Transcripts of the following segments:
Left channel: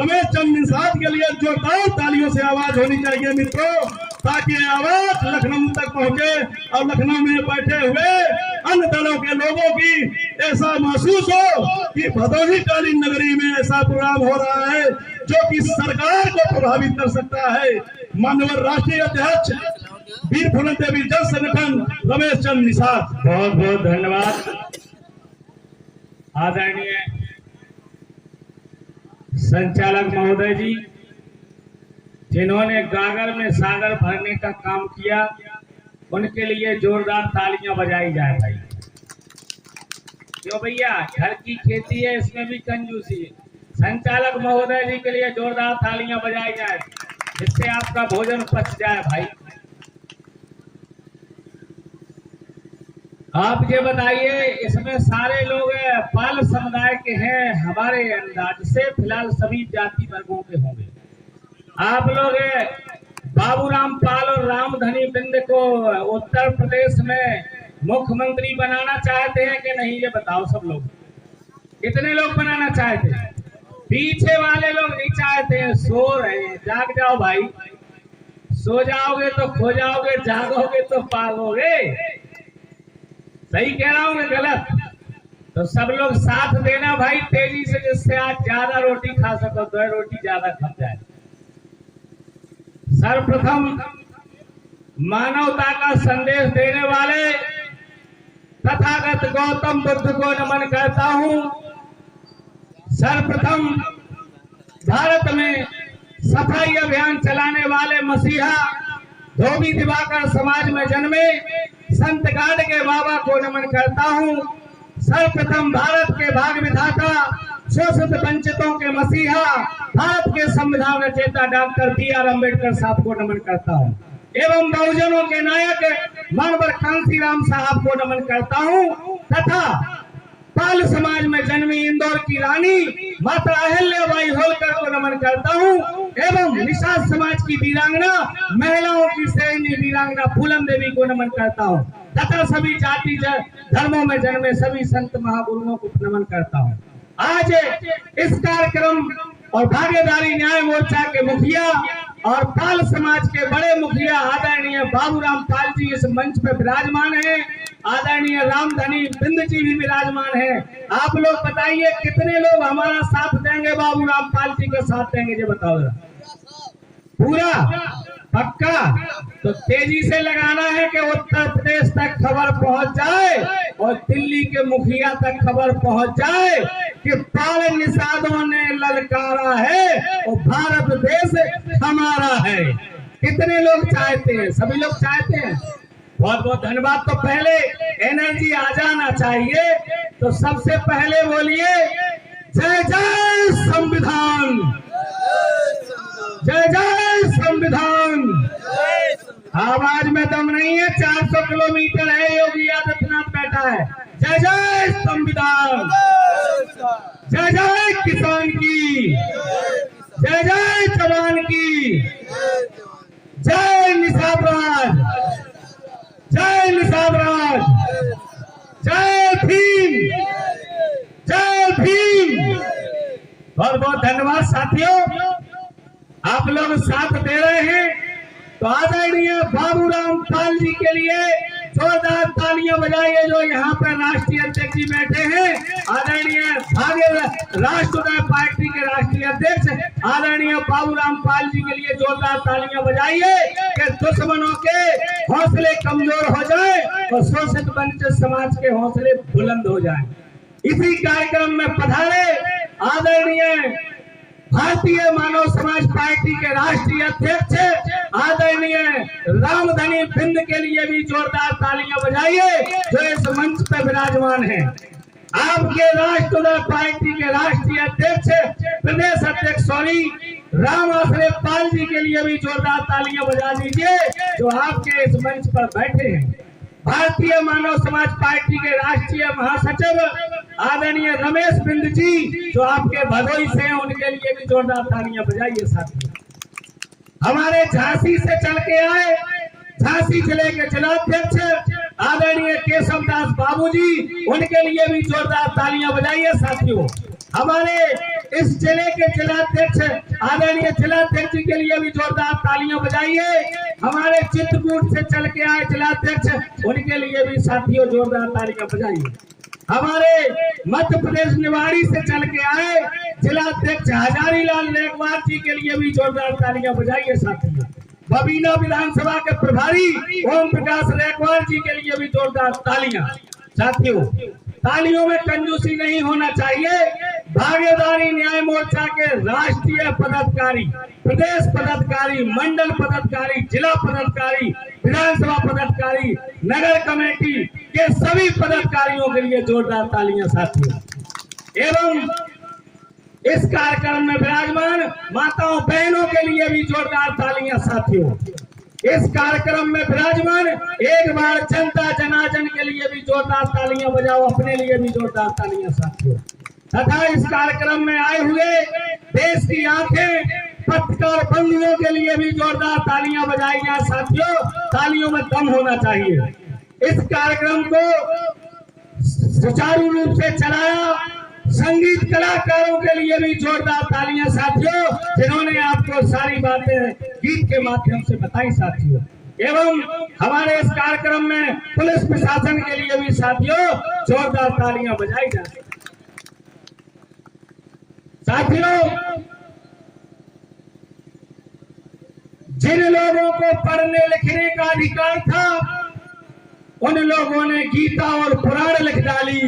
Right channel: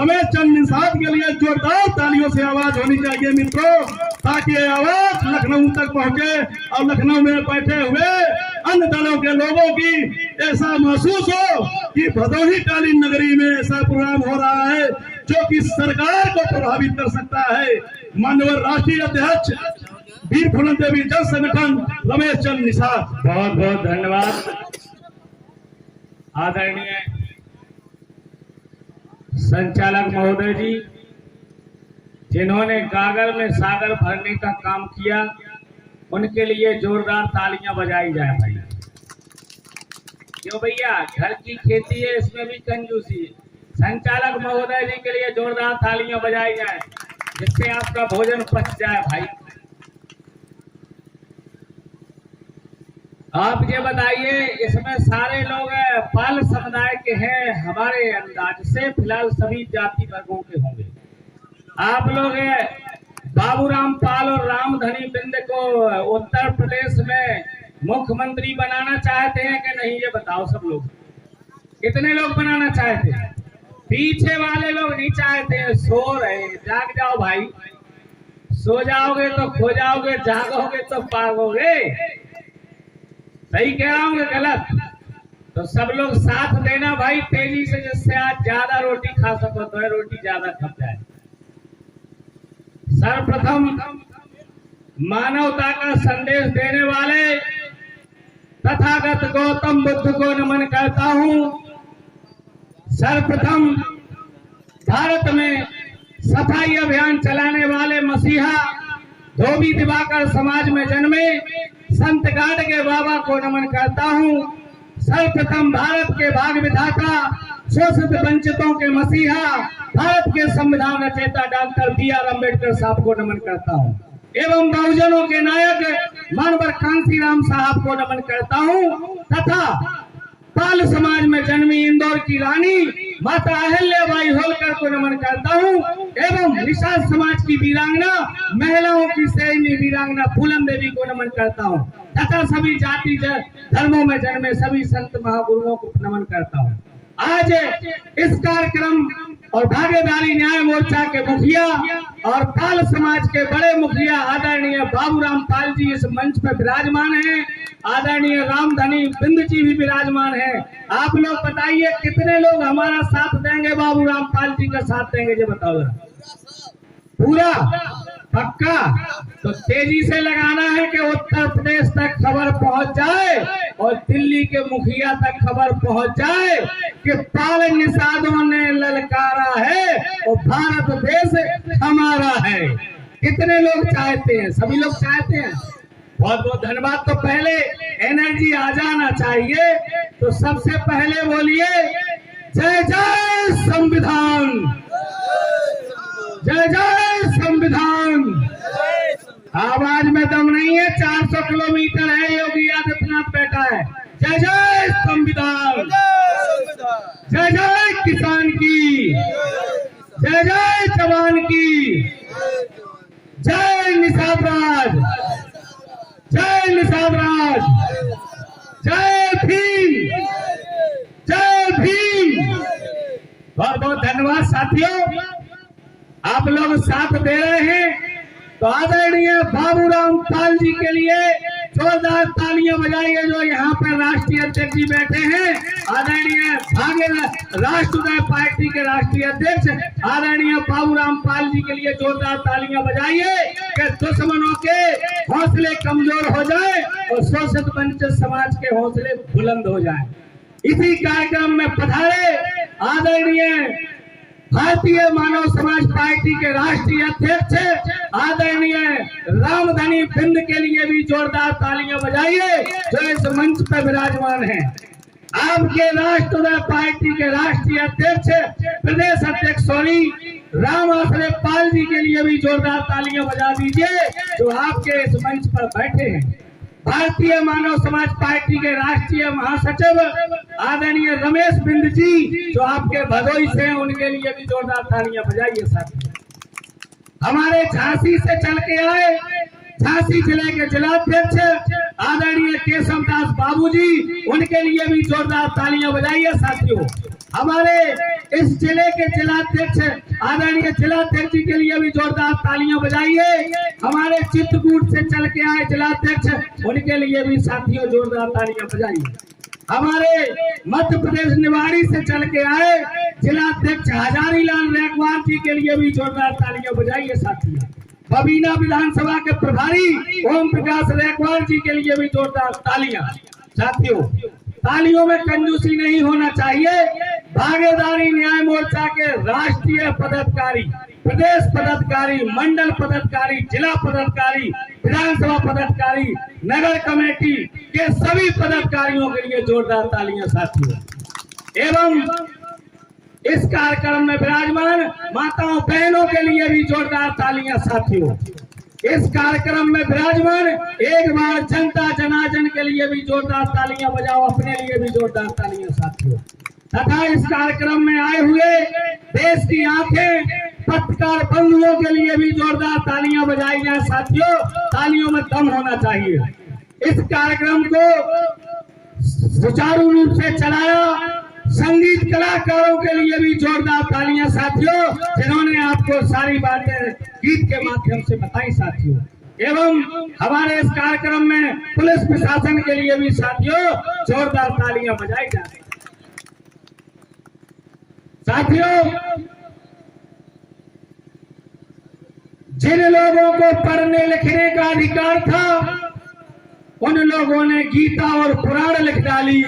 रमेश चंद निषाद के लिए जोरदार तालियों से आवाज होनी चाहिए मित्रों, ताकि ये आवाज लखनऊ तक पहुंचे और लखनऊ में बैठे हुए अन्य दलों के लोगों की ऐसा महसूस हो कि भदोही टाली नगरी में ऐसा प्रोग्राम हो रहा है जो कि सरकार को प्रभावित कर सकता है। माननीय राष्ट्रीय अध्यक्ष वीर फूलन देवी जन संगठन रमेश चंद निषाद। बहुत बहुत धन्यवाद आदरणीय संचालक महोदय जी, जिन्होंने गागर में सागर भरने का काम किया, उनके लिए जोरदार तालियां बजाई जाए भाई। क्यों भैया, घर की खेती है, इसमें भी कंजूसी है। संचालक महोदय जी के लिए जोरदार तालियां बजाई जाए, जिससे आपका भोजन पच जाए भाई। आप ये बताइए, इसमें सारे लोग पाल समुदाय के हैं हमारे अंदाज से, फिलहाल सभी जाति वर्गों के होंगे। आप लोग बाबूराम पाल और रामधनी बिंद को उत्तर प्रदेश में मुख्यमंत्री बनाना चाहते हैं कि नहीं, ये बताओ सब लोग। कितने लोग बनाना चाहते हैं? पीछे वाले लोग नहीं चाहते हैं, सो रहे हैं। जाग जाओ भाई, सो जाओगे तो खो जाओगे, जागोगे तो पागोगे। सही कह रहा हूँ कि गलत? तो सब लोग साथ देना भाई तेजी से, जिससे आज ज्यादा रोटी खा सको, तो रोटी ज्यादा खप जाए। सर्वप्रथम मानवता का संदेश देने वाले तथागत गौतम बुद्ध को नमन करता हूँ। सर्वप्रथम भारत में सफाई अभियान चलाने वाले मसीहा धोबी दिवाकर समाज में जन्मे संत गाड़ के बाबा को नमन करता हूँ। सर्वप्रथम भारत के भाग विधाता, शोषित वंचितों के मसीहा, भारत के संविधान रचयिता डॉक्टर बी.आर. अम्बेडकर साहब को नमन करता हूँ एवं बहुजनों के नायक मानवर कांसीराम साहब को नमन करता हूँ तथा पाल समाज में जन्मी इंदौर की रानी माता अहिल्याबाई होलकर को नमन करता हूँ एवं निषाद समाज की वीरांगना, महिलाओं की श्रेणी वीरांगना फूलन देवी को नमन करता हूँ तथा सभी जाति धर्मों में जन्मे सभी संत महागुरुओं को नमन करता हूँ। आज इस कार्यक्रम और भागीदारी न्याय मोर्चा के मुखिया और पाल समाज के बड़े मुखिया आदरणीय बाबूराम पाल जी इस मंच पर विराजमान हैं। आदरणीय रामधनी बिंद जी भी विराजमान है। आप लोग बताइए कितने लोग हमारा साथ देंगे, बाबूराम पाल जी का साथ देंगे, ये बताओ जरा। पूरा पक्का? तो तेजी से लगाना है कि उत्तर प्रदेश तक खबर पहुंच जाए और दिल्ली के मुखिया तक खबर पहुंच जाए कि पाल निषादों ने ललकारा है और भारत देश हमारा है। कितने लोग चाहते हैं? सभी लोग चाहते हैं। बहुत बहुत धन्यवाद। तो पहले एनर्जी आ जाना चाहिए, तो सबसे पहले बोलिए जय जय संविधान, जय जय संविधान। आवाज में दम नहीं है, 400 किलोमीटर है, योगी आदित्यनाथ बैठा है। जय जय संविधान, जय जय किसान की, जय जय जवान की, जय निषाद राज, जय निषाद राज, जय भीम, जय भीम। बहुत बहुत धन्यवाद साथियों, आप लोग साथ दे रहे हैं। तो आदरणीय बाबूराम पाल जी के लिए जोरदार तालियां बजाइए, जो यहाँ पर राष्ट्रीय अध्यक्ष जी बैठे हैं। आदरणीय राष्ट्रीय पार्टी के राष्ट्रीय अध्यक्ष आदरणीय बाबूराम पाल जी के लिए जोरदार तालियां बजाइए कि दुश्मनों के हौसले कमजोर हो जाए और शोषित वंचित समाज के हौसले बुलंद हो जाए। इसी कार्यक्रम में पधारे आदरणीय भारतीय मानव समाज पार्टी के राष्ट्रीय अध्यक्ष आदरणीय रामधनी बिंद के लिए भी जोरदार तालियां बजाइए, जो इस मंच पर विराजमान हैं। आपके राष्ट्रीय पार्टी के राष्ट्रीय अध्यक्ष प्रदेश अध्यक्ष राम आश्रय पाल जी के लिए भी जोरदार तालियां बजा दीजिए, जो आपके इस मंच पर बैठे हैं। भारतीय मानव समाज पार्टी के राष्ट्रीय महासचिव आदरणीय रमेश बिंद जी, जो आपके भदोही से हैं, उनके लिए भी जोरदार तालियां बजाइए साथियों। हमारे झांसी से चल के आए झांसी जिले के जिलाध्यक्ष आदरणीय केशव दास बाबू जी, उनके लिए भी जोरदार तालियां बजाइए साथियों। हमारे इस जिले के जिलाध्यक्ष आदरणीय जिलाध्यक्ष जी के लिए भी जोरदार तालियां बजाइए। हमारे चित्रकूट से चल के आए जिलाध्यक्ष, उनके लिए भी साथियों जोरदार तालियां बजाइए। हमारे मध्य प्रदेश निवाड़ी से चल के आए जिलाध्यक्ष हजारीलाल रैकवार जी के लिए भी जोरदार तालियां बजाइए साथियों। बबीना विधानसभा के प्रभारी ओम प्रकाश रैकवार जी के लिए भी जोरदार तालियां। साथियों, तालियों में कंजूसी नहीं होना चाहिए। भागीदारी न्याय मोर्चा के राष्ट्रीय पदाधिकारी, प्रदेश पदाधिकारी, मंडल पदाधिकारी, जिला पदाधिकारी, विधानसभा पदाधिकारी, नगर कमेटी के सभी पदाधिकारियों के लिए जोरदार तालियां साथियों। एवं इस कार्यक्रम में विराजमान माताओं बहनों के लिए भी जोरदार तालियां साथियों। इस कार्यक्रम में विराजमान एक बार जनता जनार्दन के लिए भी जोरदार तालियां बजाओ, अपने लिए भी जोरदार तालियां साथियों। तथा इस कार्यक्रम में आए हुए देश की आंखें पत्रकार बंधुओं के लिए भी जोरदार तालियां बजाई जाए साथियों। तालियों में दम होना चाहिए। इस कार्यक्रम को सुचारू रूप से चलाया संगीत कलाकारों के लिए भी जोरदार तालियां साथियों, जिन्होंने आपको सारी बातें गीत के माध्यम से बताई साथियों। एवं हमारे इस कार्यक्रम में पुलिस प्रशासन के लिए भी साथियों जोरदार तालियां बजाई जाए। साथियों, जिन लोगों को पढ़ने लिखने का अधिकार था, उन लोगों ने गीता और पुराण लिख डाली,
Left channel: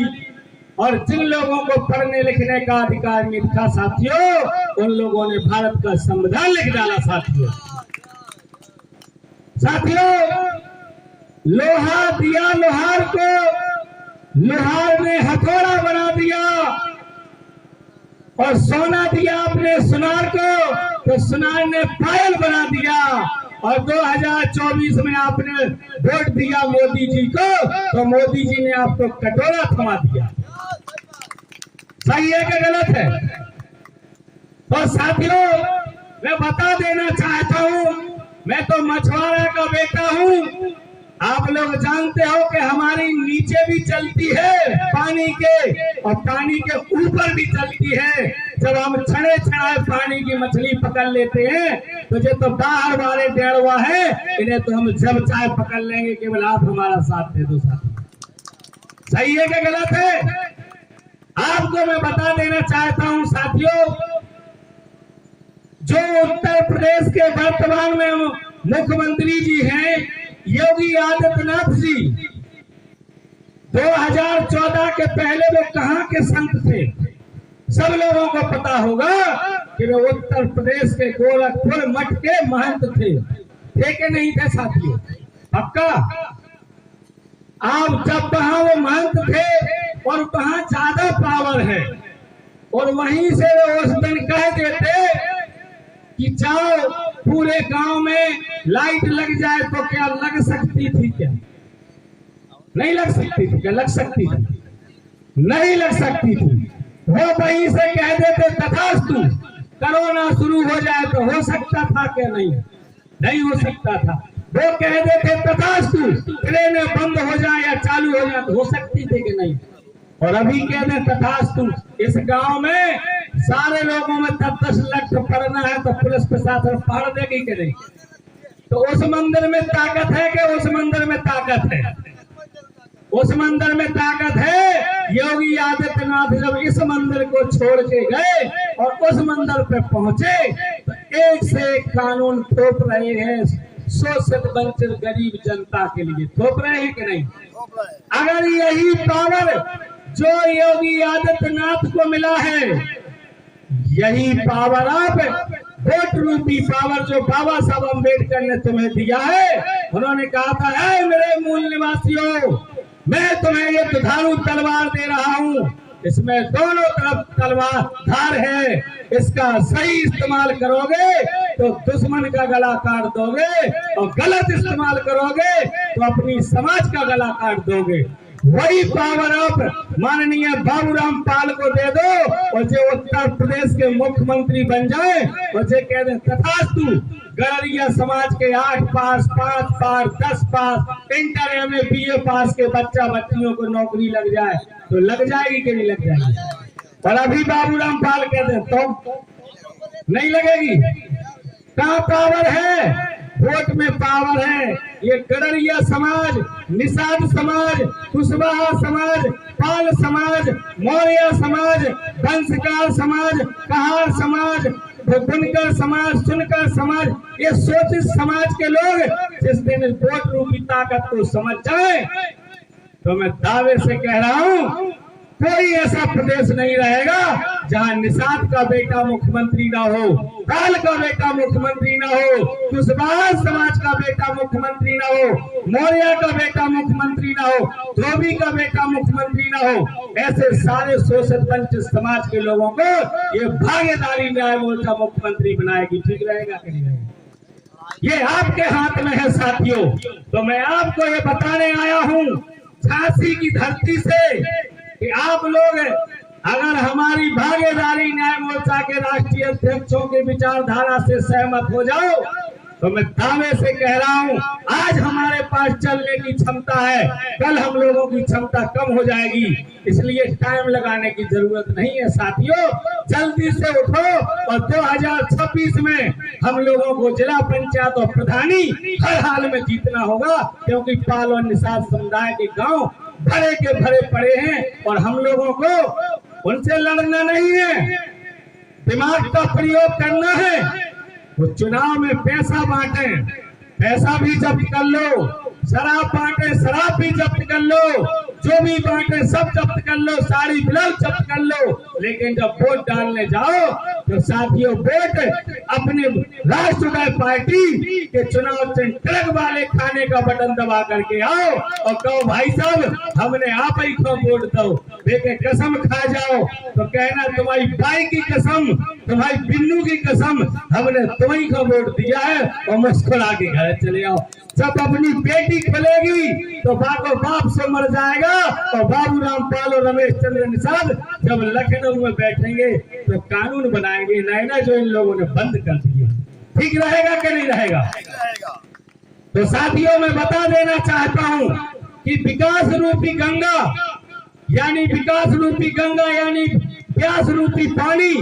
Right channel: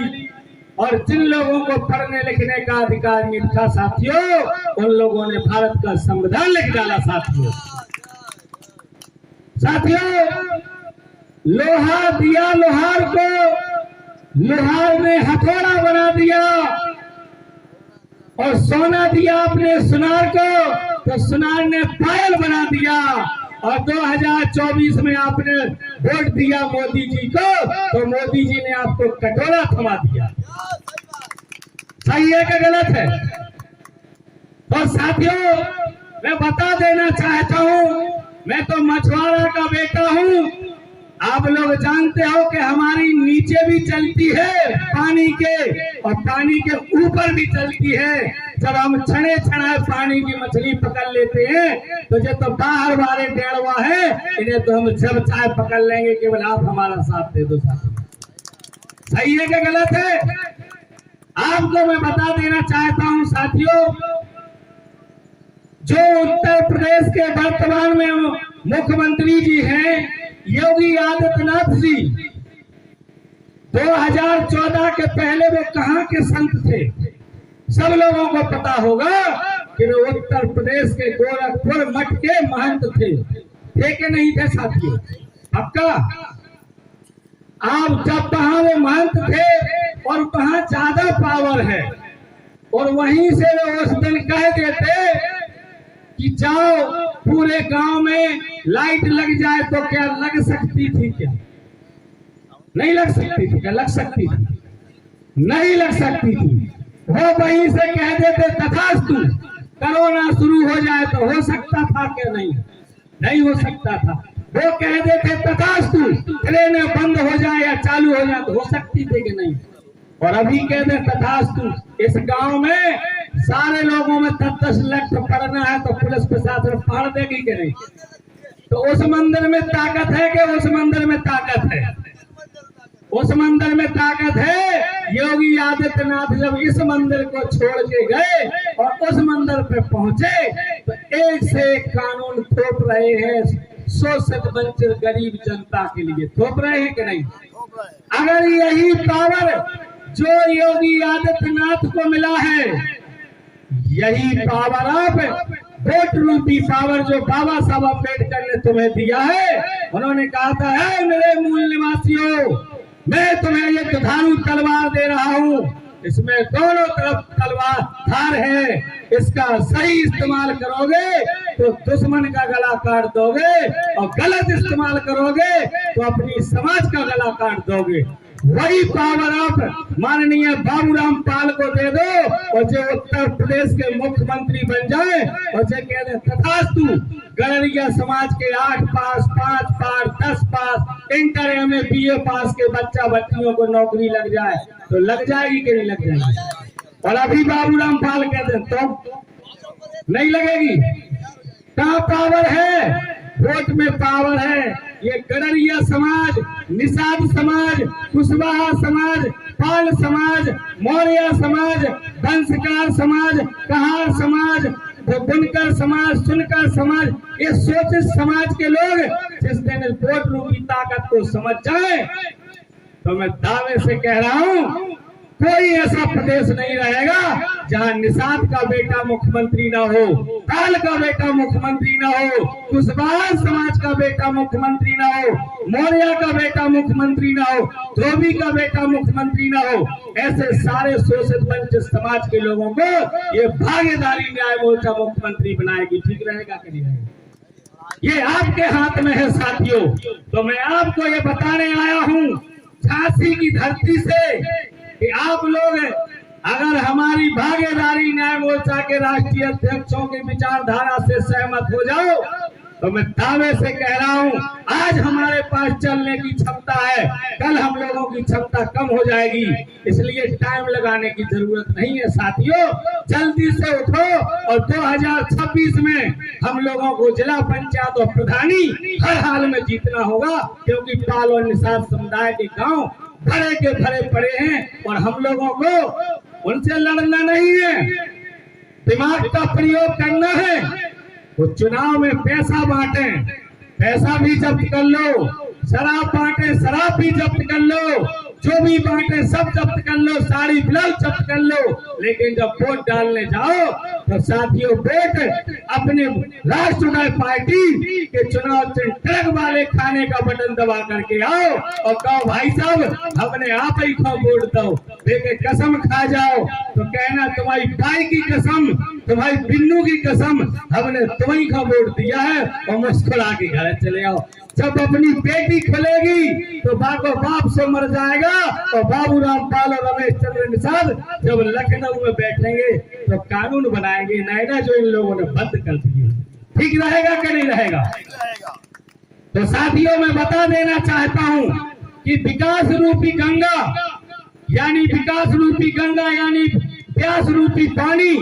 और जिन लोगों को पढ़ने लिखने का अधिकार नहीं था साथियों, उन लोगों ने भारत का संविधान लिख डाला साथियों। साथियों, लोहा दिया लोहार को, लोहार ने हथौड़ा बना दिया, और सोना दिया अपने सुनार को, तो सुनार ने पायल बना दिया। और 2024 में आपने वोट दिया मोदी जी को, तो मोदी जी ने आपको कटोरा थमा दिया। सही है कि गलत है? तो साथियों, मैं बता देना चाहता हूं, मैं तो मछुआरा का बेटा हूं। आप लोग जानते हो कि हमारी नीचे भी चलती है पानी के, और पानी के ऊपर भी चलती है। जब हम छड़े छड़ाए पानी की मछली पकड़ लेते हैं, तो जो तो बाहर वाले डेढ़वा है, इन्हें तो हम जब चाहे पकड़ लेंगे, केवल आप हमारा साथ दे दो साथियों। सही है कि गलत है? आपको मैं बता देना चाहता हूं साथियों, जो उत्तर प्रदेश के वर्तमान में मुख्यमंत्री जी हैं योगी आदित्यनाथ जी, 2014 के पहले वो कहां के संत थे? सब लोगों को पता होगा कि वो उत्तर प्रदेश के गोरखपुर मठ के महंत थे कि नहीं थे साथियों? पक्का? आप जब वहां वो महंत थे और वहां ज्यादा पावर है, और वहीं से वो उस दिन कह देते कि जाओ पूरे गांव में लाइट लग जाए, तो क्या लग सकती थी? क्या नहीं लग सकती थी? क्या लग सकती थी? नहीं लग सकती थी। वो वहीं से कह देते तथास्तु, कोरोना शुरू हो जाए तो हो सकता था क्या? नहीं हो सकता था। वो कह देते तथास्तु, ट्रेनें बंद हो जाए या चालू हो जाए तो हो सकती थी कि नहीं? और अभी कह दे तथास्तु, इस गांव में सारे लोगों में 10 लाख पढ़ना है तो पुलिस प्रशासन पढ़ देगी कि नहीं? तो उस मंदिर में ताकत है कि उस मंदिर में ताकत है? उस मंदिर में ताकत है। योगी आदित्यनाथ जब इस मंदिर को छोड़ के गए और उस मंदिर पे पहुंचे, तो एक से एक कानून थोप रहे हैं शोषित वंचित गरीब जनता के लिए। थोप रहे हैं कि नहीं? अगर यही पावर जो योगी आदित्यनाथ को मिला है, यही पावर आप वोट रूपी पावर जो बाबा साहब अम्बेडकर ने तुम्हें दिया है, उन्होंने कहा था, है मेरे मूल निवासियों, मैं तुम्हें ये दुधारू तलवार दे रहा हूँ, इसमें दोनों तरफ तलवार धार है, इसका सही इस्तेमाल करोगे तो दुश्मन का गला काट दोगे, और गलत इस्तेमाल करोगे तो अपनी समाज का गला काट दोगे। वही पावर आप माननीय बाबूराम पाल को दे दो, और जो उत्तर प्रदेश के मुख्यमंत्री बन जाए, और जो कह दे तथास्तु, गड़रिया समाज के 8 पास, 5 पास, 10 पास, इंटर MA BA पास के बच्चा बच्चियों को नौकरी लग जाए, तो लग जाएगी कि नहीं लग जाएगी? और अभी बाबूराम पाल कहते तो नहीं लगेगी। कहाँ पावर है? वोट में पावर है। ये गडरिया समाज, निषाद समाज, कुशवाहा समाज, पाल समाज, मौर्य समाज, वंशकार समाज, कहार समाज, बुनकर समाज, सुनकर समाज, ये शोषित समाज के लोग जिस दिन वोट रूपी ताकत को समझ जाए तो मैं दावे से कह रहा हूं कोई ऐसा प्रदेश नहीं रहेगा जहां निषाद का बेटा मुख्यमंत्री ना हो, पाल का बेटा मुख्यमंत्री ना हो, कुशवाहा समाज का बेटा मुख्यमंत्री ना हो, मौर्य का बेटा मुख्यमंत्री ना हो, धोबी का बेटा मुख्यमंत्री ना हो। ऐसे सारे शोषित वंचित समाज के लोगों को ये भागीदारी न्याय मोर्चा मुख्यमंत्री बनाएगी। ठीक रहेगा कि नहीं रहेगा? ये आपके हाथ में है साथियों। तो मैं आपको ये बताने आया हूँ झांसी की धरती से कि आप लोग अगर हमारी भागीदारी न्याय मोर्चा के राष्ट्रीय अध्यक्षों के विचारधारा से सहमत हो जाओ तो मैं दावे से कह रहा हूं आज हमारे पास चलने की क्षमता है, कल हम लोगों की क्षमता कम हो जाएगी। इसलिए टाइम लगाने की जरूरत नहीं है साथियों, जल्दी से उठो और 2026 में हम लोगों को जिला पंचायत और प्रधानी हर हाल में जीतना होगा, क्योंकि पाल और निषाद समुदाय के गांव भरे के भरे पड़े हैं और हम लोगों को उनसे लड़ना नहीं है, दिमाग का प्रयोग करना है। वो चुनाव में पैसा बांटे, पैसा भी जब्त कर लो, शराब बांटे, शराब भी जब्त कर लो, जो भी बांटे सब जब्त कर लो, साड़ी ब्लाउज जब्त कर लो, लेकिन जब वोट डालने जाओ तो साथियों वोट अपने राष्ट्रीय पार्टी के चुनाव से ट्रक वाले खाने का बटन दबा करके आओ और कहो भाई साहब हमने आप ही को वोट दो, देखे कसम खा जाओ तो कहना तुम्हारी बाई की कसम, तुम्हारी बिन्नू की कसम, हमने तुम्ही को वोट दिया है और मुस्कुरा के घर चले आओ। जब अपनी बेटी खुलेगी तो बाको बाप से मर जाएगा और बाबूराम पाल और रमेश चंद्र निषाद जब लखनऊ में बैठेंगे तो कानून बनाएंगे नए जो इन लोगों ने बंद कर दिए। ठीक रहेगा कि नहीं रहेगा? तो साथियों मैं बता देना चाहता हूं कि विकास रूपी गंगा यानी प्यास रूपी पानी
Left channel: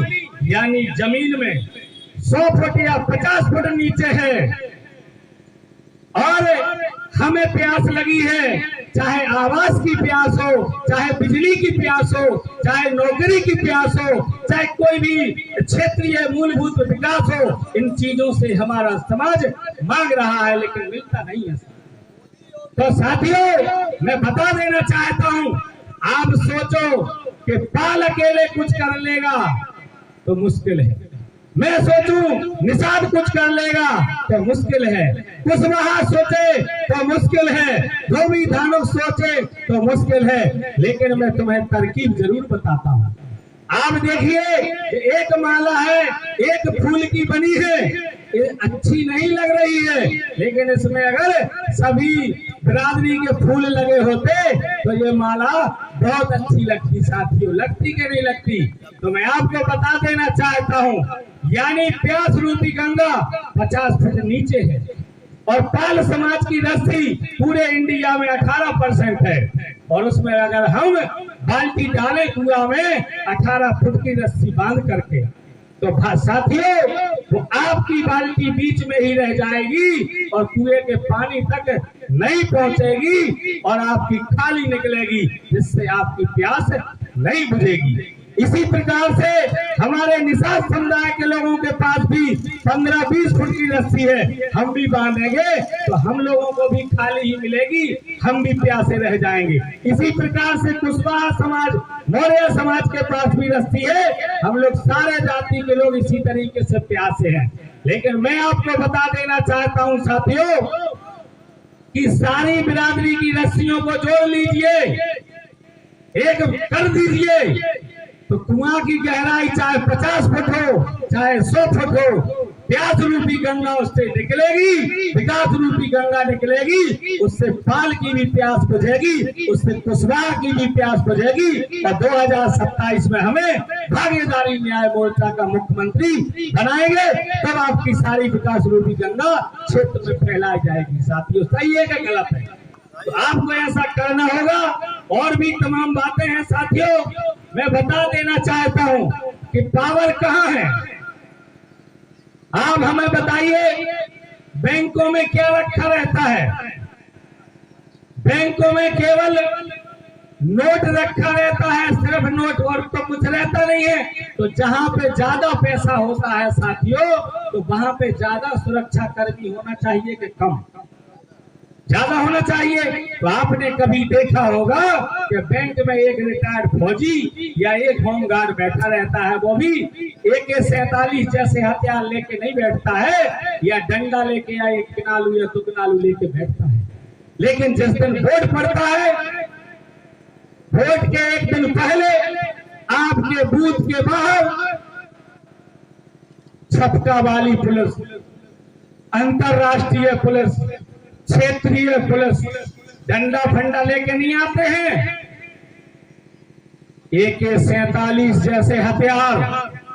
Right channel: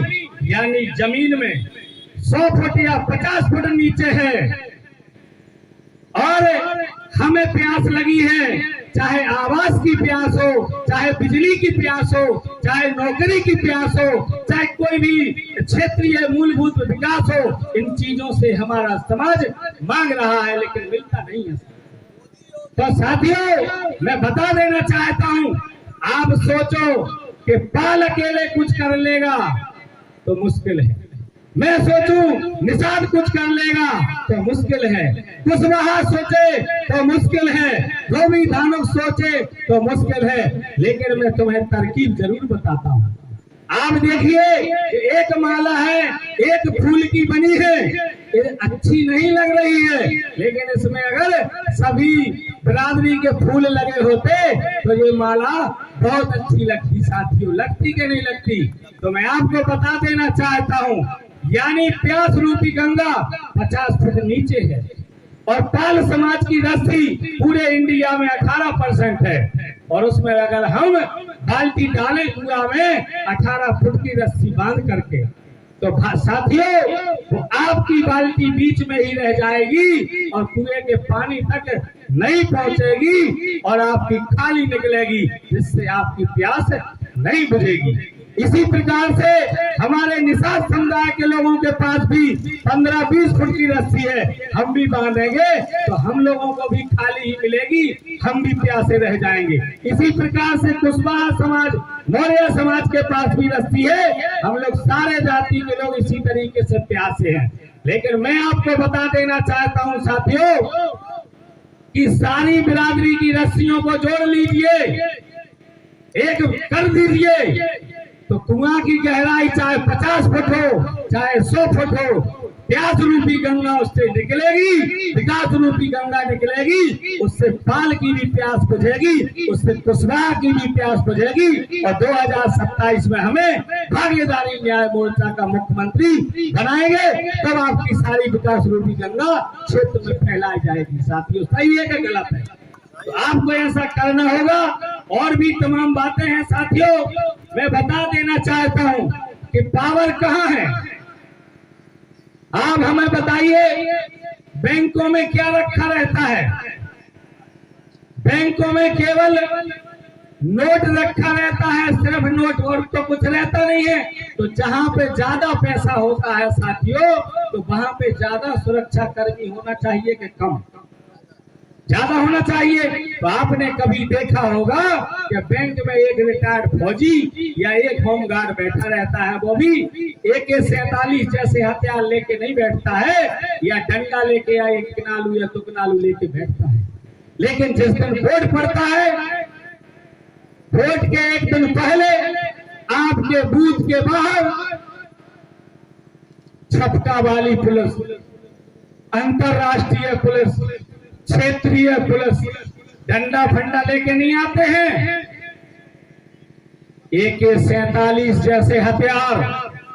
यानी जमीन में 100 फुट या 50 फुट नीचे है और हमें प्यास लगी है, चाहे आवास की प्यास हो, चाहे बिजली की प्यास हो, चाहे नौकरी की प्यास हो, चाहे कोई भी क्षेत्रीय मूलभूत विकास हो, इन चीजों से हमारा समाज मांग रहा है लेकिन मिलता नहीं है। तो साथियों मैं बता देना चाहता हूं, आप सोचो कि पाल अकेले कुछ कर लेगा तो मुश्किल है, मैं सोचूं निषाद कुछ कर लेगा तो मुश्किल है, कुशवाहा सोचे तो मुश्किल है, धोबी धानुक सोचे तो मुश्किल है, लेकिन मैं तुम्हें तरकीब जरूर बताता हूँ। आप देखिए एक माला है, एक फूल की बनी है, ये अच्छी नहीं लग रही है, लेकिन इसमें अगर सभी बिरादरी के फूल लगे होते तो ये माला बहुत अच्छी लगती। साथियों लगती कि नहीं लगती? तो मैं आपको बता देना चाहता हूँ यानी प्यास रूपी गंगा 50 फुट नीचे है और पाल समाज की रस्सी पूरे इंडिया में 18% है और उसमें अगर हम बाल्टी डालें कुआं में 18 फुट की रस्सी बांध करके तो साथियों वो आपकी बाल्टी बीच में ही रह जाएगी और कुएं के पानी तक नहीं पहुंचेगी और आपकी खाली निकलेगी, जिससे आपकी प्यास नहीं बुझेगी। इसी प्रकार से हमारे निषाद समुदाय के लोगों के पास भी 15-20 फुट की रस्सी है, हम भी बांधेंगे तो हम लोगों को भी खाली ही मिलेगी, हम भी प्यासे रह जाएंगे। इसी प्रकार से कुशवाहा समाज, मौर्य समाज के पास भी रस्सी है, हम लोग सारे जाति के लोग इसी तरीके से प्यासे हैं। लेकिन मैं आपको बता देना चाहता हूं साथियों कि सारी बिरादरी की रस्सियों को जोड़ लीजिए, एक कर दीजिए तो कुआं की गहराई चाहे 50 फुट हो चाहे 100 फुट हो, प्यास रूपी गंगा उससे निकलेगी, विकास रूपी गंगा निकलेगी, उससे पाल की भी प्यास बुझेगी, उससे कुशवाहा की भी प्यास बुझेगी और 2027 में हमें भागीदारी न्याय मोर्चा का मुख्यमंत्री बनाएंगे, तब आपकी सारी विकास रूपी गंगा क्षेत्र में फैलाई जाएगी। साथियों सही है कि गलत है? तो आपको ऐसा करना होगा। और भी तमाम बातें हैं साथियों, मैं बता देना चाहता हूं कि पावर कहां है। आप हमें बताइए, बैंकों में क्या रखा रहता है? बैंकों में केवल नोट रखा रहता है, सिर्फ नोट, और तो कुछ रहता नहीं है। तो जहां पे ज्यादा पैसा होता है साथियों, तो वहां पे ज्यादा सुरक्षा कर्मी होना चाहिए कि कम? ज्यादा होना चाहिए। तो आपने कभी देखा होगा कि बैंक में एक रिटायर्ड फौजी या एक होमगार्ड बैठा रहता है, वो भी AK-47 जैसे हथियार लेके नहीं बैठता है, या डंडा लेके या एक किनालू या दुकनालू लेके बैठता है। लेकिन जिस दिन वोट पड़ता है, वोट के एक दिन पहले आपके बूथ के बाहर छपका वाली पुलिस, अंतरराष्ट्रीय पुलिस, क्षेत्रीय पुलिस डंडा फंडा लेके नहीं आते हैं। AK-47 जैसे हथियार,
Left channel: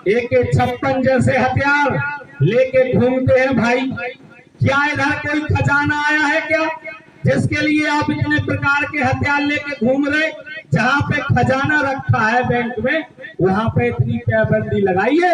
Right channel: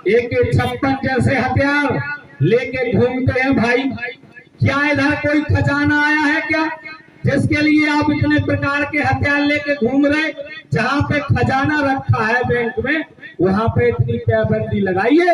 AK-56 जैसे हथियार लेके घूमते हैं। भाई, क्या इधर कोई खजाना आया है क्या, जिसके लिए आप इतने प्रकार के हथियार लेके घूम रहे? जहां पे खजाना रखा है बैंक में, वहां पे इतनी पाबंदी लगाइए।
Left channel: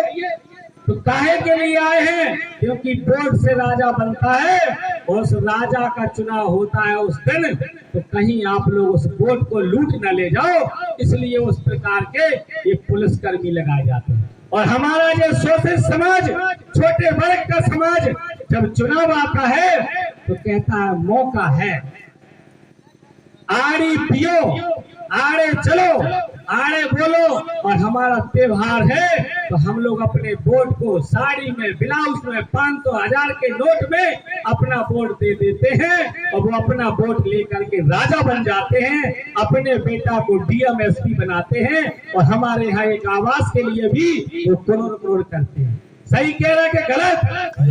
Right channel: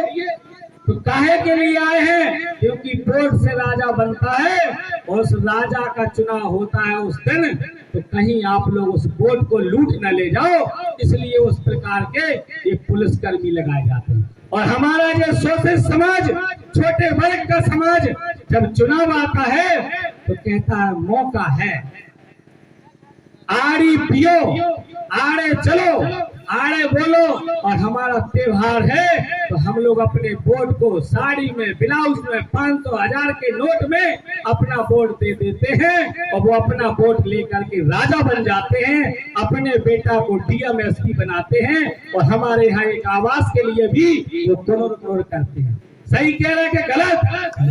तो काहे के लिए आए हैं? क्योंकि वोट से राजा बनता है, और उस राजा का चुनाव होता है उस दिन, तो कहीं आप लोग उस वोट को लूट न ले जाओ, इसलिए उस प्रकार के ये पुलिसकर्मी लगाए जाते हैं। और हमारा ये शोषित समाज, छोटे वर्ग का समाज, जब चुनाव आता है तो कहता है मौका है, आड़ी पियो, आड़े चलो, आड़े बोलो, और हमारा त्योहार है, तो हम लोग अपने वोट को साड़ी में, ब्लाउज में, 500, 1000 के नोट में अपना वोट दे देते हैं, और वो अपना वोट लेकर के राजा बन जाते हैं, अपने बेटा को DM SP बनाते हैं, और हमारे यहाँ एक आवास के लिए भी वो करोड़ करोड़ करते हैं। सही कह रहे कि गलत?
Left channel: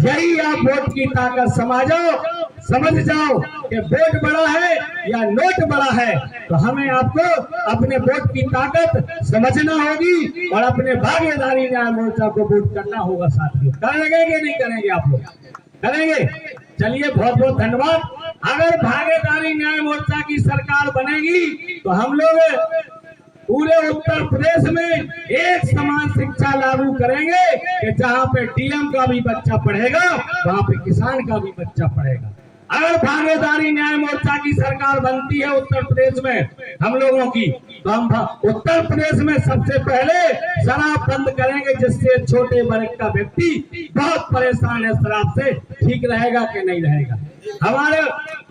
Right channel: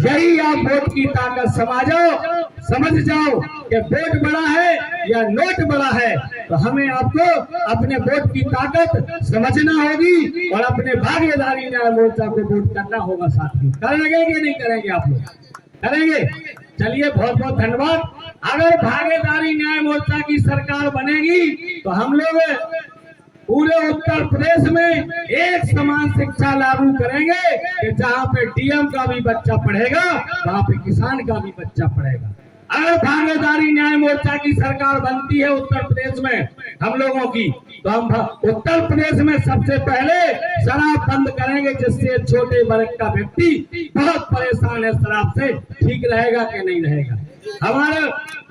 यही आप वोट की ताकत समझ जाओ कि वोट बड़ा है या नोट बड़ा है। तो हमें आपको अपने वोट की ताकत समझना होगी, और अपने भागीदारी न्याय मोर्चा को वोट करना होगा साथियों। करेंगे कि नहीं करेंगे? आप लोग करेंगे? चलिए, बहुत बहुत धन्यवाद। अगर भागीदारी न्याय मोर्चा की सरकार बनेगी तो हम लोग पूरे उत्तर प्रदेश में एक समान शिक्षा लागू करेंगे कि जहाँ पे DM का भी बच्चा पढ़ेगा, वहाँ पे किसान का भी बच्चा पढ़ेगा। अगर भागीदारी न्याय मोर्चा की सरकार बनती है उत्तर प्रदेश में हम लोगों की, तो हम उत्तर प्रदेश में सबसे पहले शराब बंद करेंगे, जिससे छोटे वर्ग का व्यक्ति बहुत परेशान है शराब से। ठीक रहेगा कि नहीं रहेगा? हमारे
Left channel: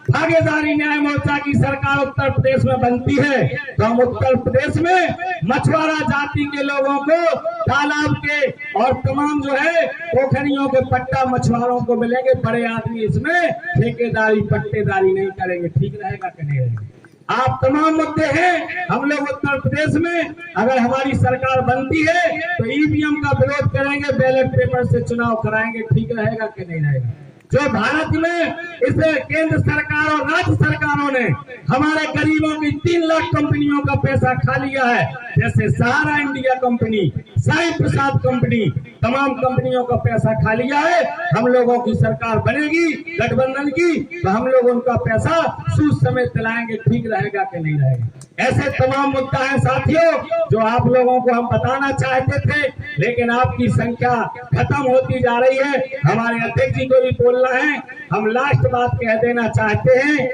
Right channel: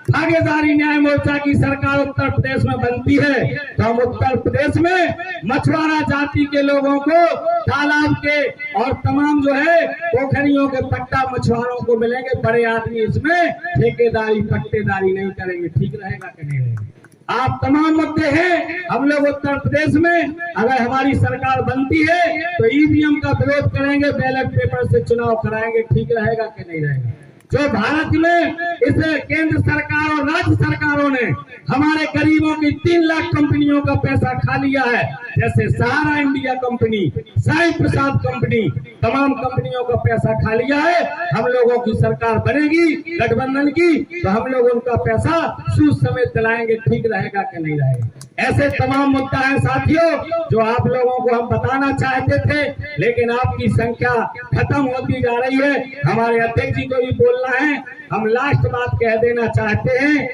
भागीदारी न्याय मोर्चा की सरकार उत्तर प्रदेश में बनती है तो हम उत्तर प्रदेश में मछुआरा जाति के लोगों को तालाब के और तमाम जो है पोखरियों के पट्टा मछुआरों को मिलेंगे। बड़े आदमी इसमें ठेकेदारी पट्टेदारी नहीं करेंगे। ठीक रहेगा कि नहीं रहेगा? आप तमाम मुद्दे हैं। हम लोग उत्तर प्रदेश में अगर हमारी सरकार बनती है तो EVM का विरोध करेंगे, बैलेट पेपर से चुनाव कराएंगे। ठीक रहेगा कि नहीं रहेगा? जो भारत में इस केंद्र सरकार और राज्य सरकारों ने हमारे गरीबों की 3 लाख कंपनियों का पैसा खा लिया है, जैसे सहारा इंडिया कंपनी, साई प्रसाद कंपनी, तमाम कंपनियों का पैसा खा लिया है। हम लोगों की सरकार बनेगी गठबंधन की तो हम लोग उनका पैसा सूद समेत दिलाएंगे। ठीक रहेगा कि नहीं रहेगा? ऐसे तमाम मुद्दा है साथियों जो आप लोगों को हम बताना चाहते थे, लेकिन आपकी संख्या खत्म होती जा रही है। हमारे अध्यक्ष जी को भी बोलना है। हम लास्ट बात कह देना चाहते हैं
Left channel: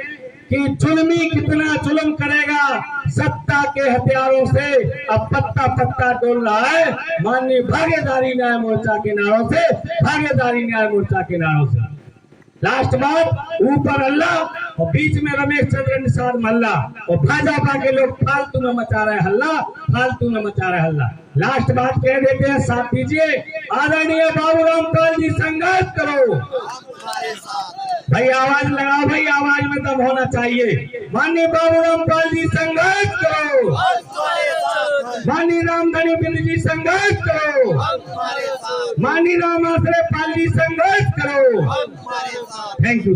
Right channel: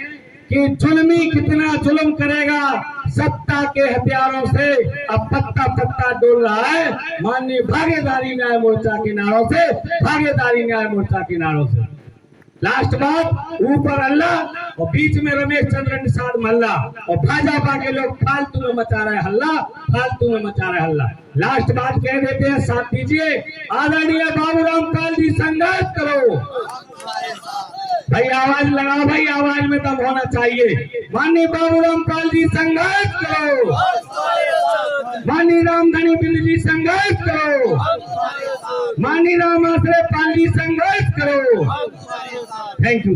कि जुल्मी कितना जुल्म करेगा, सत्ता के हथियारों से अब पत्ता पत्ता डोल रहा है। माननीय भागीदारी न्याय मोर्चा के नारों से, भागीदारी न्याय मोर्चा के नारों से। लास्ट बात, ऊपर अल्लाह और बीच में रमेश चंद्र निषाद मल्ला, और भाजपा के लोग फालतू में मचा रहे हल्ला, फालतू में मचा रहे हल्ला। लास्ट बात कह देते हैं, साथ दीजिए। आदरणीय बाबूराम पाल जी, संघर्ष करो भाई, आवाज लगाओ भाई, आवाज में दम होना चाहिए। माननीय बाबूराम पाल जी, संघर्ष करो। माननीय रामधनी बिंद जी, संघर्ष करो। माननीय राम आश्रय पाल जी, संघर्ष करो। Thank you.